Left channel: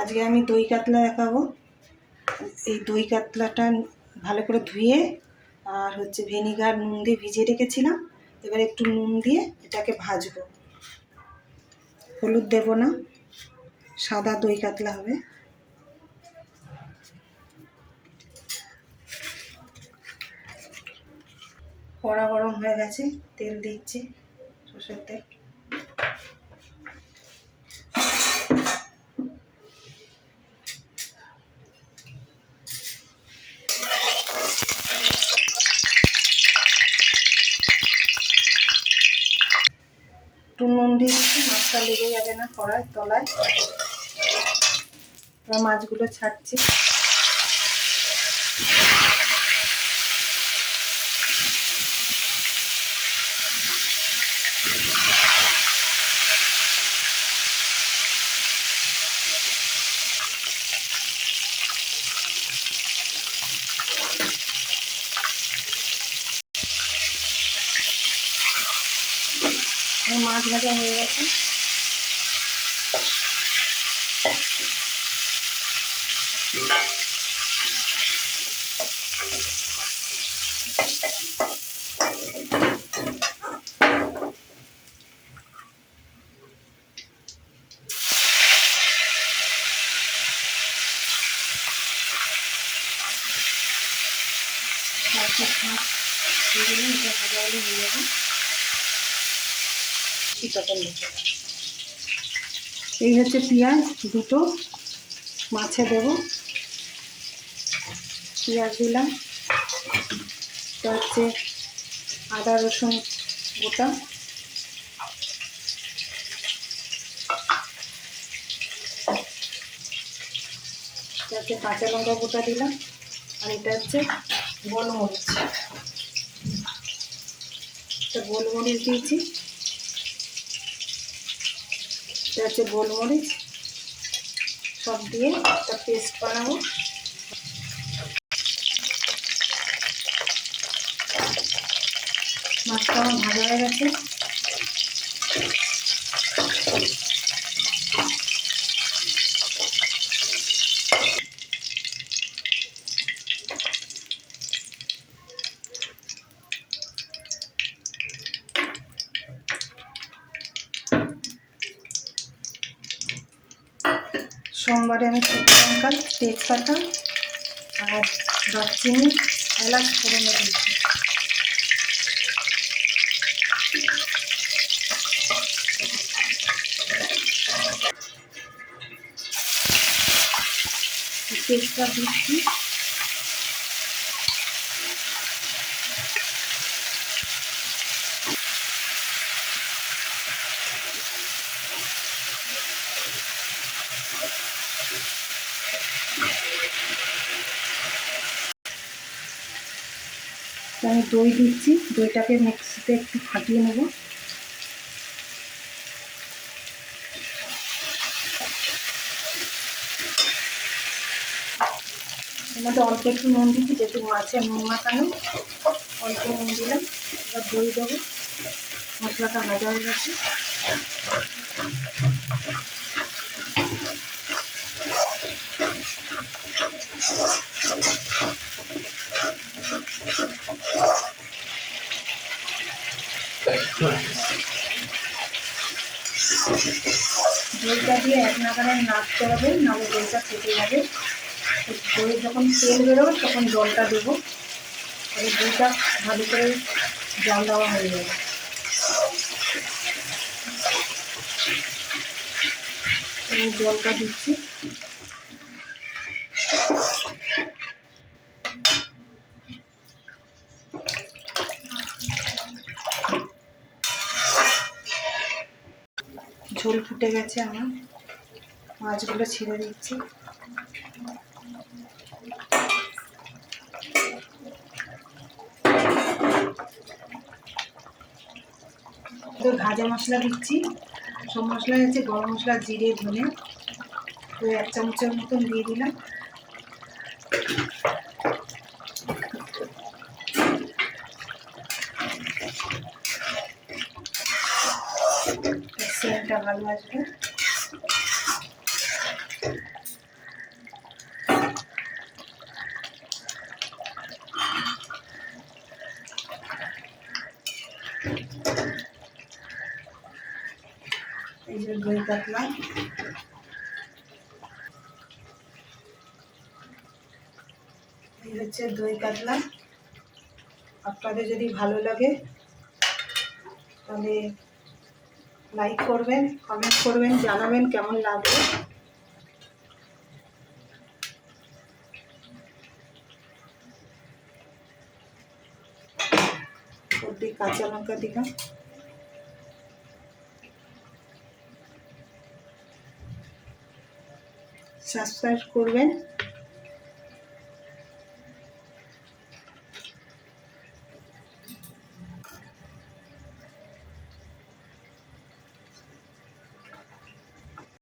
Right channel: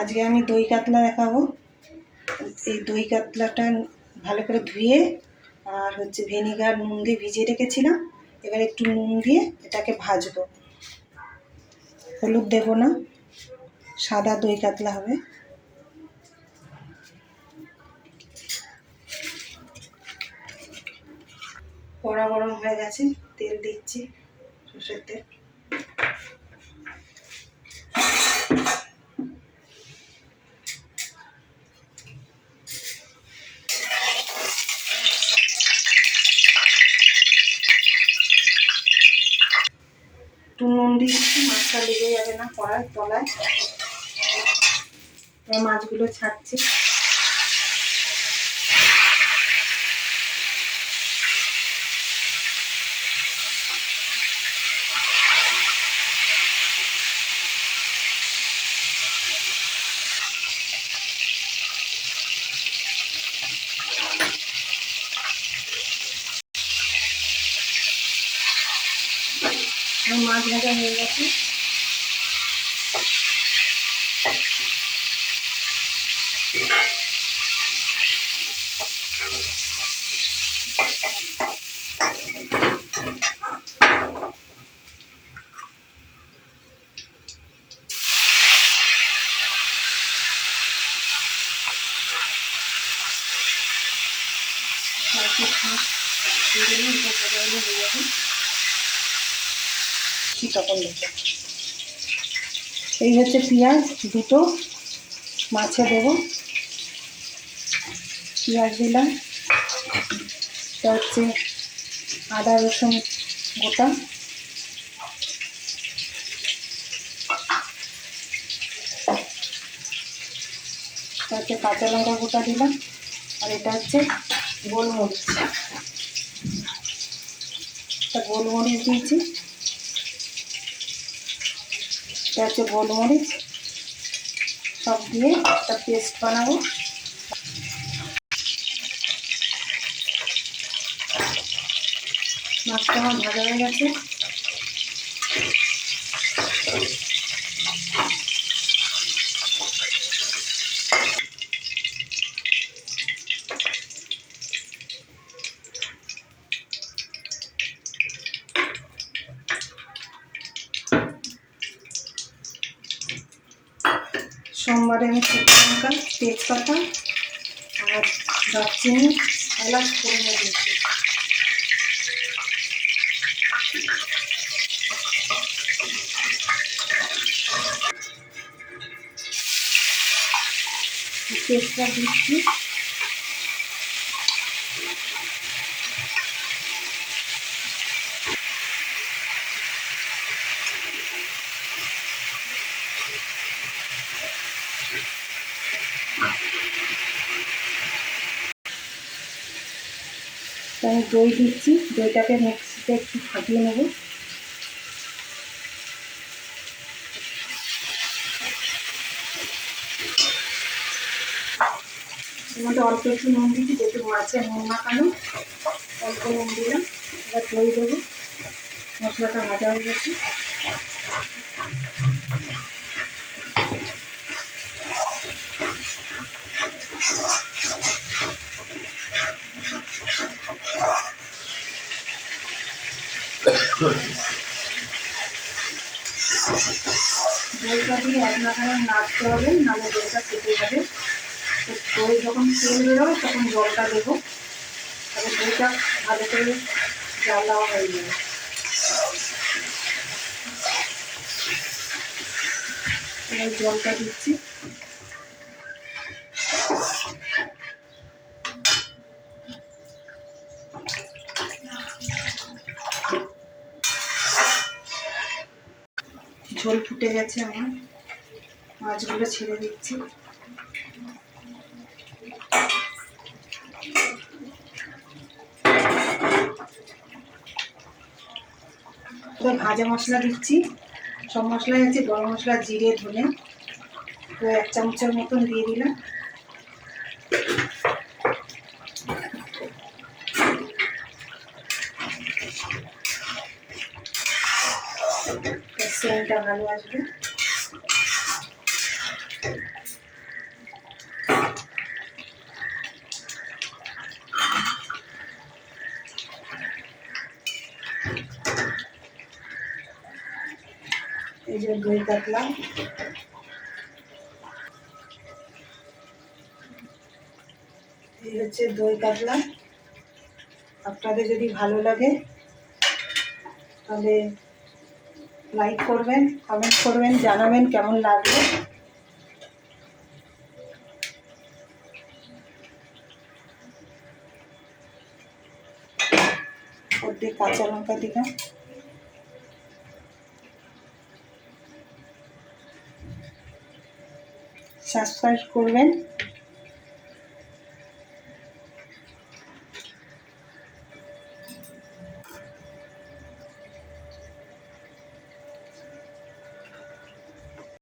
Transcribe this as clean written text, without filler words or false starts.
আজকে আমি দই কাতলা দেখাবো। এই দই কাতলাটা ভালো করে ধুয়ে আর ভিনেগার নুন দিয়ে ভিজিয়ে রেখেছিলাম। এবার একটু নুন দিয়ে এটাকে ভাজবো। হলুদ দেব না, সাদা দই কাতলা হবে। কড়া গরম হয়ে গেছে, তেল দিচ্ছি, সরষের তেল। একটু নুন দিচ্ছি, মাছটা লেগে যাবে না কড়ার তলায়। এবার মাছগুলো ছাড়ছি। মাছ ভাজা হয়ে গেছে। এই হচ্ছে পেঁয়াজ দুটো মাছে দেবো। পেঁয়াজ দিলাম, এটা হচ্ছে আদা রসুন গোটা, এটা হচ্ছে কাঁচা লঙ্কা গোটা দিলাম, আর এটা হচ্ছে গোলমরিচ। এটা গোলমরিচ দিয়েছি, এটা হচ্ছে গোলমরিচ। সব দিয়ে একটা পেস্ট বানাবো। মাছটা আমার ভাজা হয়ে গেছে। সোমবারে আমি শুকনো লঙ্কা, তেজপাতা আর দারচিনি, এলাচ ফোড়নে দিয়েছি। তেজপাতা দিচ্ছি, আমি দই দিচ্ছি। দইটাকে মিক্সিতে একটু ফাটিয়ে নেব। এর মধ্যে অল্প একটু নুন দিচ্ছি, যেহেতু মাছে নুন মাখানো, অল্প নুন দিলাম। এবার দই দেবো। মশলাটা ভাজা হয়ে গেছে। দইটা দিয়ে এক নাগারে নাড়তে হবে, নাহলে দইটা ফেটে যাবে। দই যখন তেল বেরোবে তখন জলটা দেবো, তাহলে দইটা ভালো করে জল দেওয়া হয়ে যাবে। এবার জলটা দিচ্ছি। ঝোল ফুটে গেছে আমার, মাছগুলো ছেড়ে দিচ্ছি। ভাজা মশলা দিচ্ছি। সব মশলাই আছে, গরম মশলা, জিরে, ধনে, তো 1 চামচের মতন দিয়ে দিলাম। সেন্টটা ভালো আসবে। এই যে দই কাতলা, এই হচ্ছে দই কাতলা। আপনাদের যদি ভালো লাগে তাহলে লাইক করবেন, কমেন্ট করবেন, জানাবেন কেমন লাগলো। ওর দিয়ে কাঁচা লঙ্কা দিলাম। সাবস্ক্রাইব করবেন।